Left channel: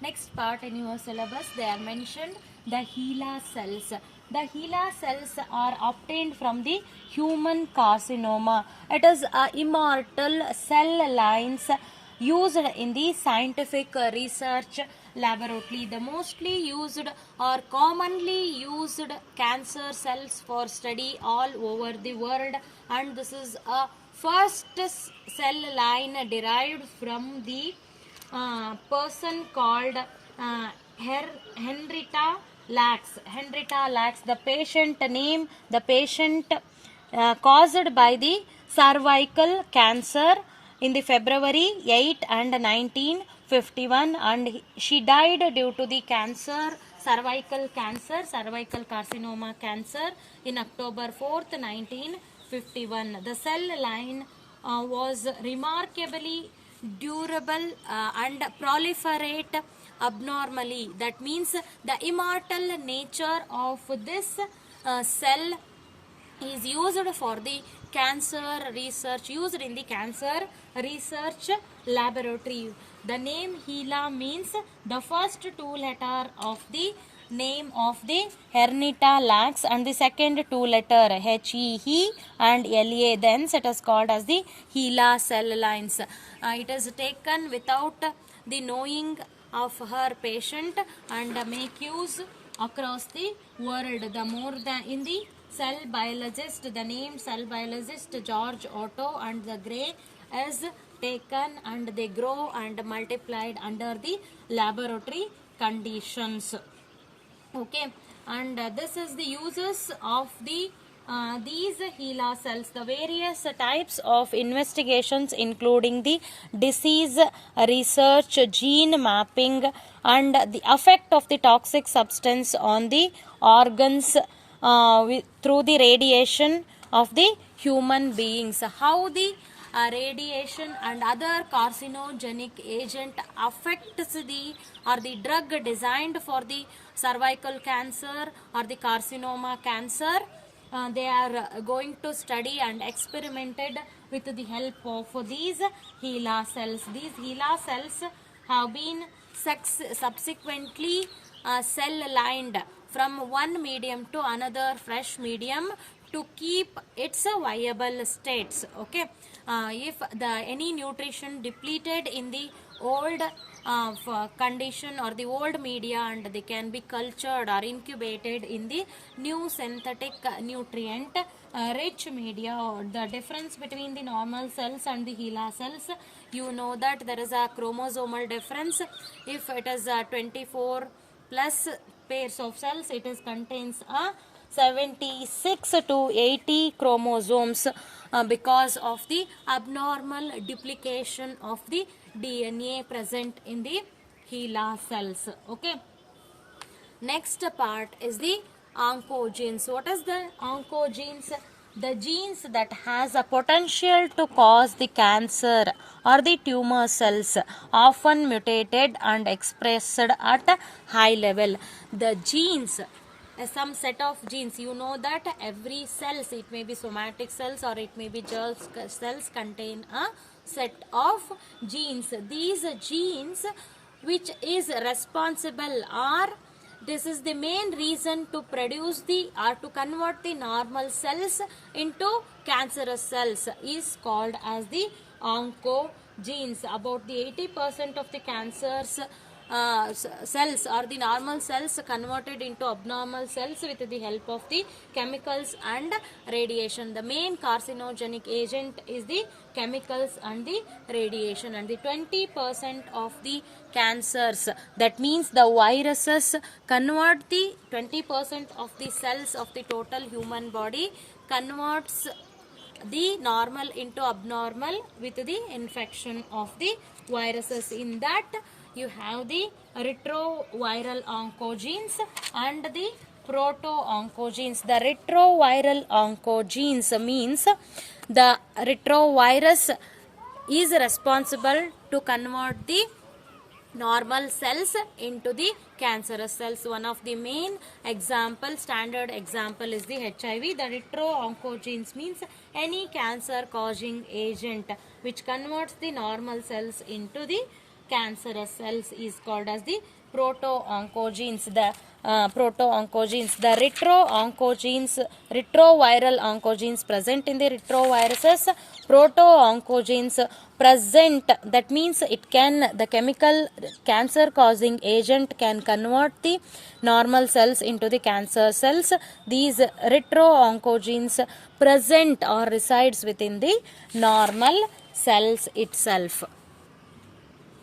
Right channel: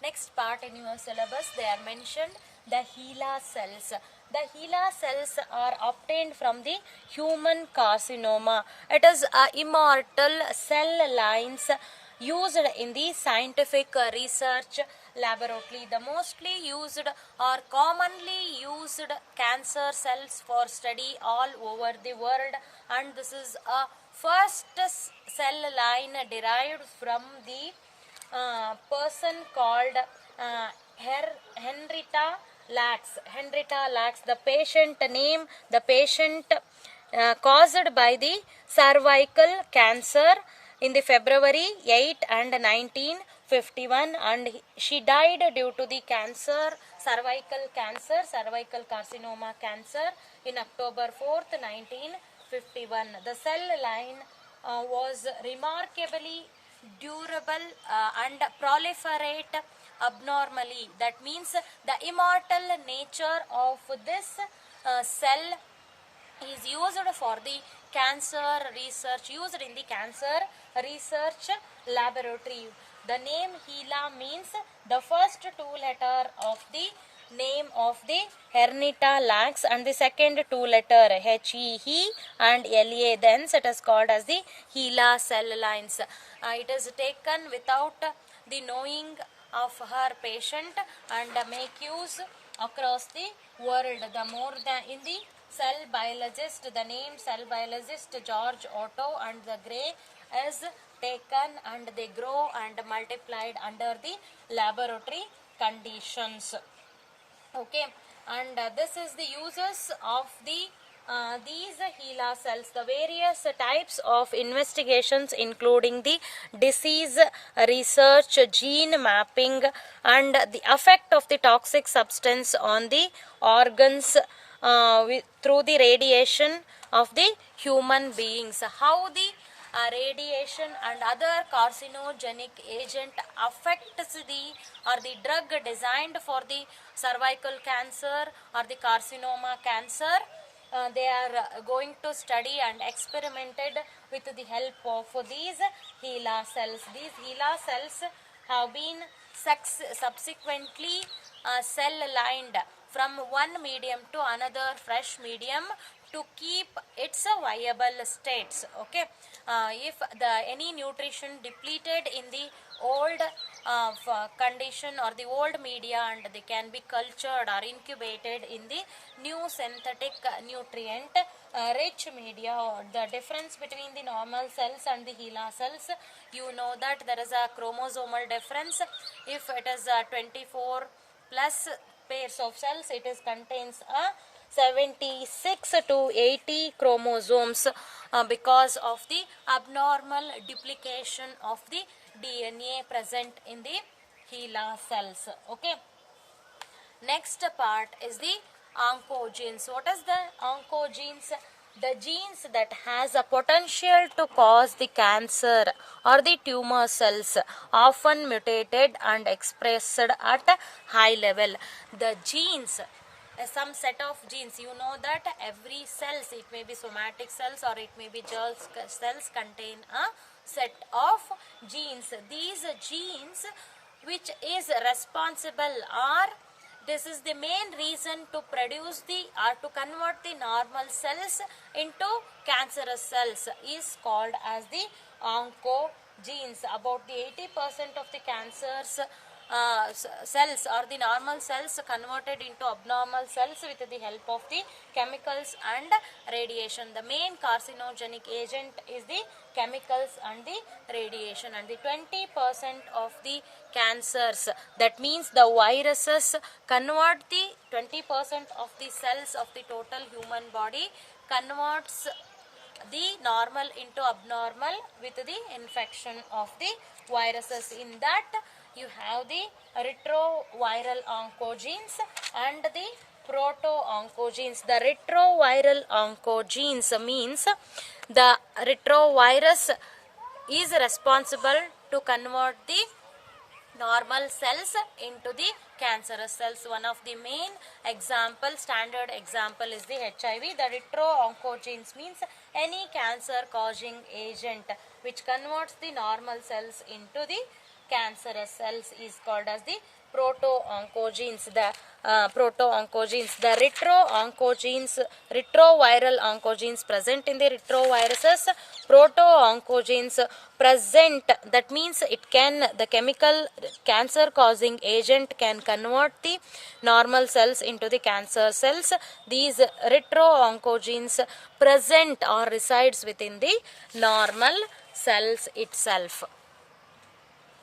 Next part in your syllabus, they are mentioned the HeLa cells. The HeLa cells are obtained from the human carcinoma. It is immortal cell lines used in the scientific research laboratory. The mostly used or commonly used cancer cells for study all over the world, and this is a first cell line derived from the person called Henrietta Lacks. Henrietta Lacks, the patient name, the patient caused by the cervical cancer in the February 8 and 1951, and she died due to the cancer, cervical carcinoma cancer in October 4th, 1951. The cell line was remarkably durable and proliferate abnormally. That means the immortal nature of this cell is used for the cancer research, used in the cancer research laboratory. The name HeLa means the first two letter of the name of the Henrietta Lacks and the second two letter He and La. Thence it is called as the HeLa cell lines. It is taken without the knowing of her patient and make use across the world. The more than in the cell biologist, the name cell biologist George Otto and the Gray is taken, and they grow and multiplied under the laboratory conditions. Okay, and this is the uses of the these HeLa cells. The various types of investigations including the disease research, gene mapping, and the effect of the toxic substance on the organs through the radiation of the human beings. How the radiation and other carcinogenic agent affects the or the drug designed for the cervical cancer or the carcinoma cancer. They are going to study and experimented with the help of these HeLa cells. These HeLa cells have been subsequently cell lined from one medium to another fresh medium to keep its viable states. Okay, if any nutrition depleted in the old condition or the old media, and they can be cultured or incubated in the new synthetic nutrient rich media. Or the difference between the normal cells and the HeLa cells, you know that there is a chromosomal difference. If it is 24 plus pairs of cells, it is contains a 76 to 80 chromosomes because of the abnormal duplication of the DNA present in the HeLa cells. Okay. Next part is the oncogenes. What is the oncogenes? The genes that has a potential to cause the cancer or the tumor cells, often mutated and expressed at a high level. The genes, some set of genes, you know that every cells, it may be somatic cells or it may be germ cells, contain a set of genes. These genes which is responsible, or this is the main reason to produce the or to convert the normal cells into cancerous cells, is called as the oncogenes. About the 80% of the cancers cells or the normal cells converted into abnormal cells with the help of the chemicals and radiation. The main carcinogenic agent is the chemicals and the radiation, and the 20% of the cancers, that means the viruses, convert the 20% of the cells of the total human body, converts the normal into abnormal with the infection of the viruses. In that you have the retroviral oncogenes and the proto-oncogenes. The retroviral oncogenes means the retrovirus is responsible to convert the normal cells into the cancerous cells. One of the main example, standard example, is the HIV. The retro-oncogenes means any cancer causing agent which converts the normal cells into the cancerous cells is called as the proto-oncogenes. The proto-oncogenes, the retro-oncogenes, retroviral oncogenes present in the retroviruses, proto-oncogenes present, that means it can, the chemical cancer causing agent can convert the normal cells into the cancer cells. These retro-oncogenes present or resides within the normal cells itself.